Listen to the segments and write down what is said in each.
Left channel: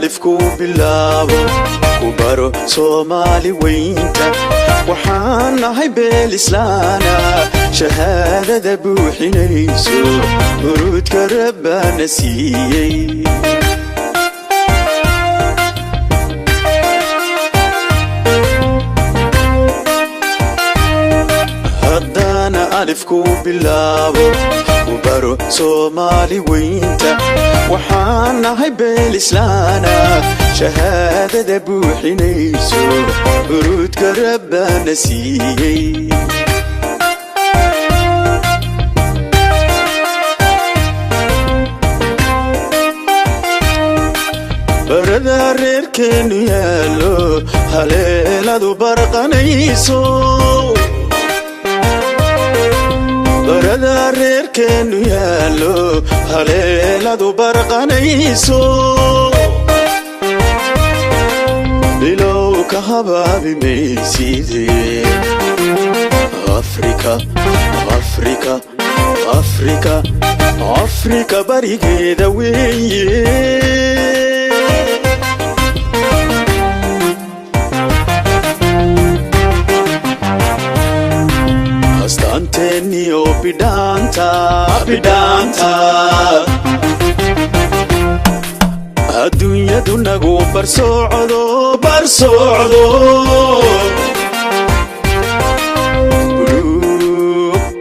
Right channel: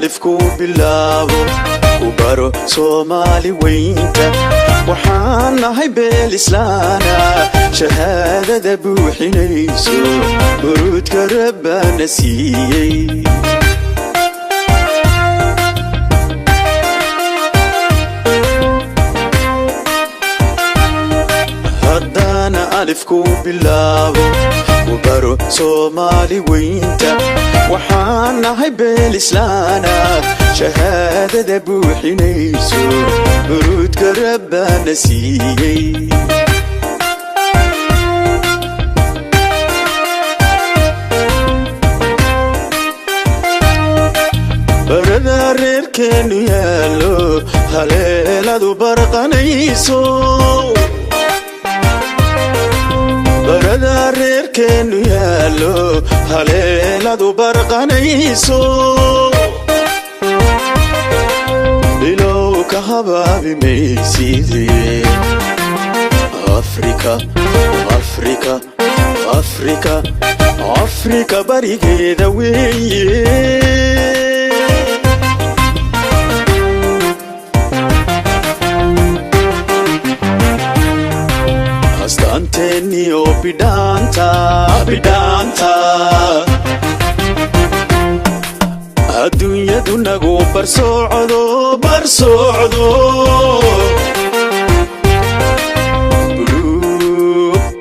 alifku bilaabo ku baro Soomaali weynta waxaan nahay beel islaana shahaadada buuxinayso urudka Rabbana siiyay alifku bilaabo ku baro Soomaali weynta waxaan nahay beel islaana shahaadada buuxinayso urudka Rabbana siiyay barada reerkeenu yaalo haleeladu barqanayso barada reerkeenu yaalo haleeladu barqanayso bilow ka habaabi mayside Afrika barigeeda weeye bidanta adduunyadu nagu barsocdo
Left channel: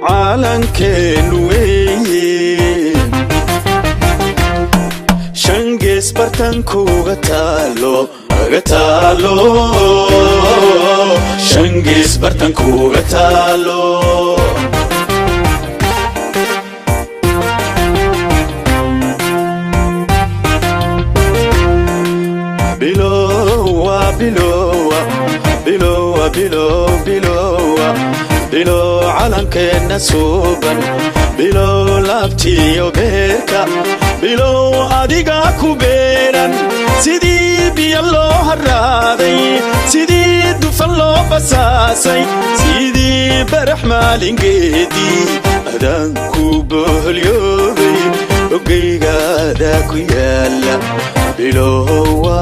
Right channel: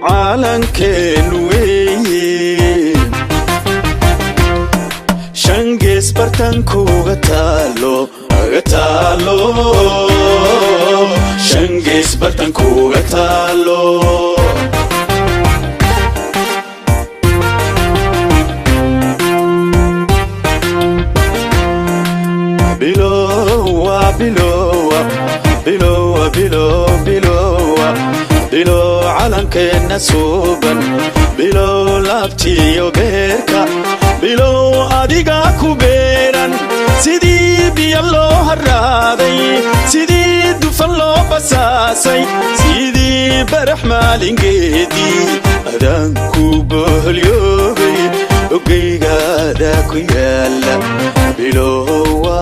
calankeenu weeye shangees bartankuga taalo shangees bartankuga taalo bilo calankeena suuban bilo laabtiyo beerka bilo adiga ku beeran sidii biyo loo haraaday sidii dufan loo basaasay sidii barax maalingeedii adaan ku boholyoobay ogeygaada ku yaala bilowa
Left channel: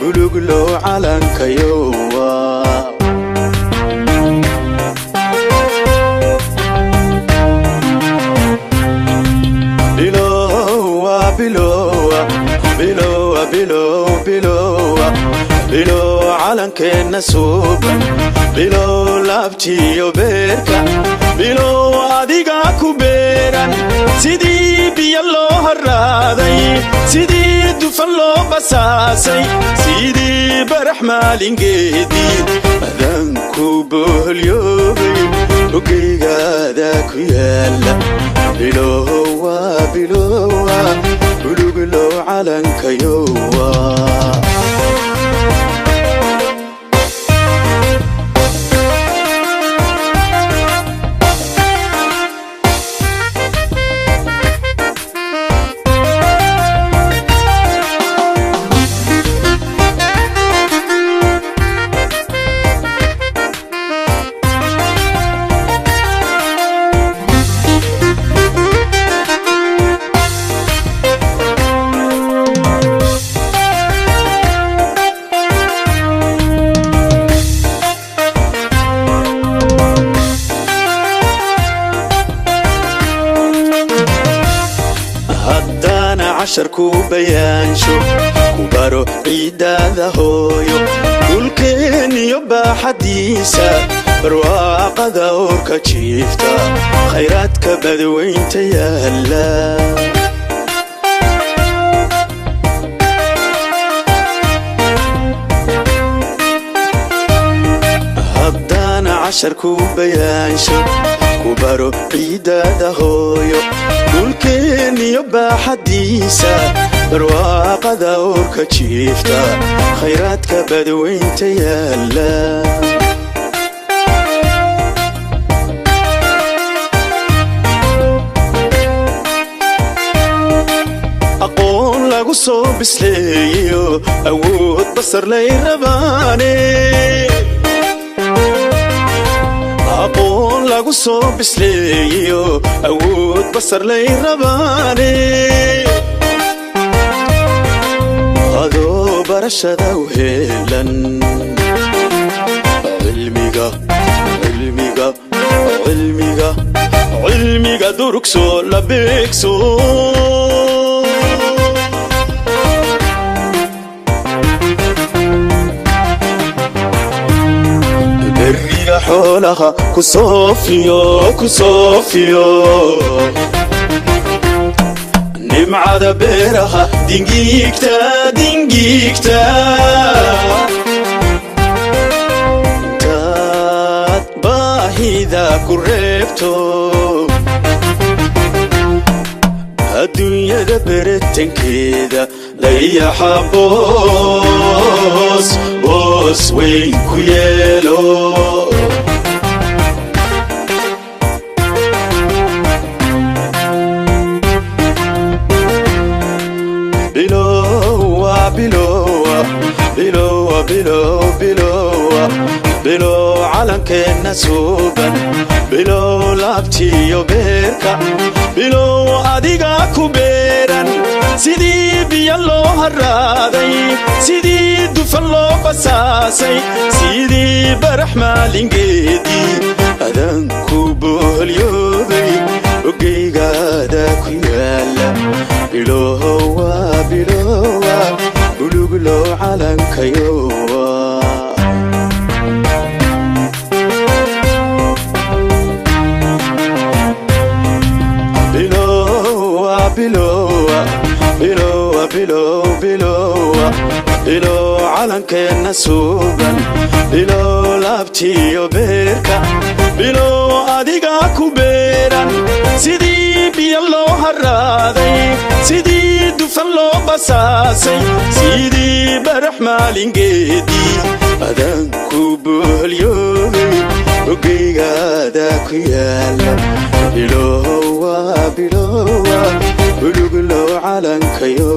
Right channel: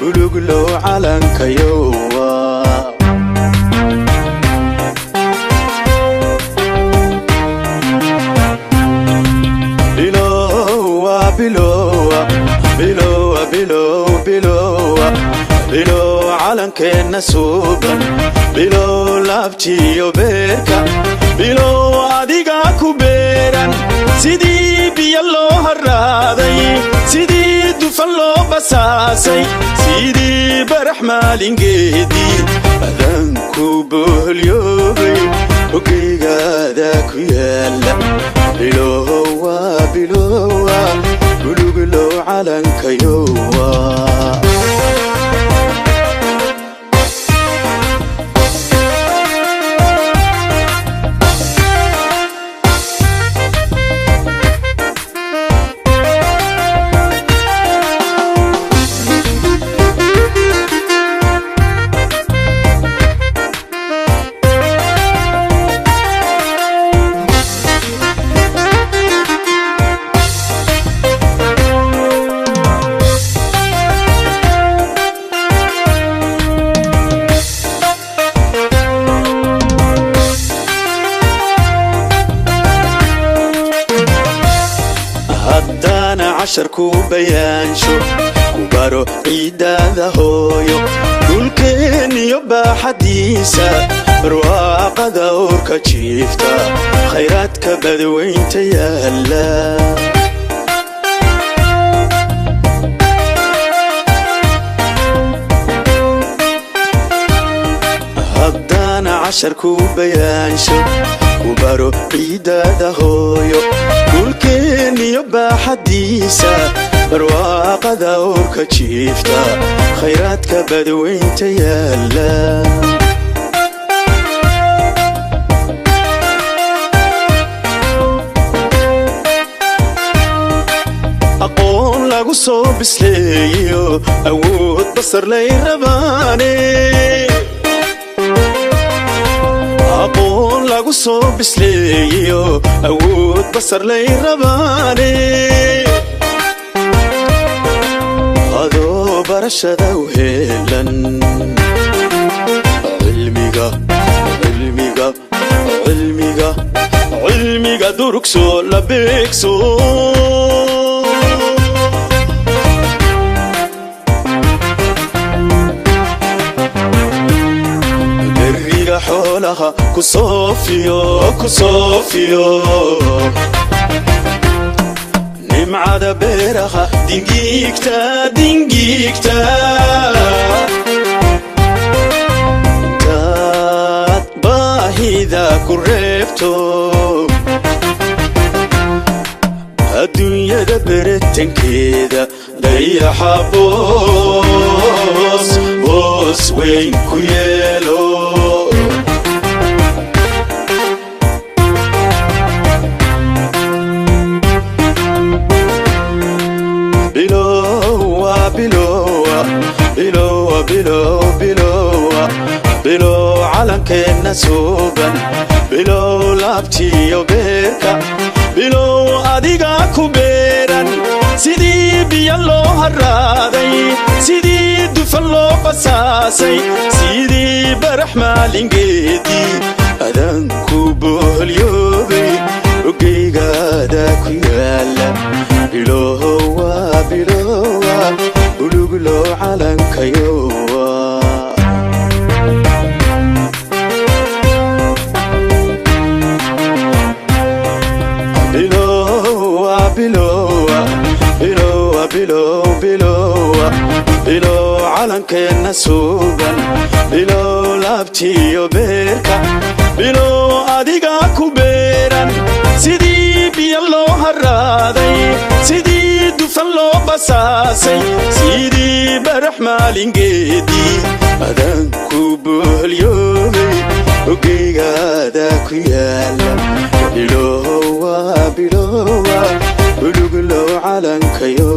buluglo calankayowa bilo calankeena suuban bilo laabtiyo beerka bilo adiga ku beeran sidii biyo loo haraaday sidii dufan loo basaasay sidii barax maalingeedii adaan ku boholyoobay ogeygaada ku yaala bilowa buluglo calankayowa عشركو بيانشو كبارو عيدادا هويو كلكين يبا حديثا رواقة دوركا تشيفتا خيراتك بدوين تيالا هدانا عشركو بيانشو كبارو عيدادا هويو كلكين يبا حديثا رواقة دوركا تشيفتا خيراتك بدوين تيالا أقول لغو صوب سليو أود بصر لي رباني أقول لغو صوب سليو أود بصر لي رباني barashada u heelan cilmiga durugso la beegso beriga xoolaha ku soofiyo nimcada beeraha dingigta intaad baahida ku reebto adduunyada beretankeeda dayaxa boos weyn ku yeelo bilow calankeena suuban bilow laabtiyo beerka bilow adiga ku beeran sidii biyo loo haraaday sidii dufan loo qasaasay sidii barax maalingeedii adanku boolyoobay ogeygaada ku yaala bilowa buluglo calankayo bilow calankeena suuban bilow laabtiyo beerka bilow adiga ku beeran sidii biyo loo haraaday sidii dufan loo basaasay sidii barax maalingeedii adanku boolyoobay ogeygaada ku yaala bilowa buluglo calankayo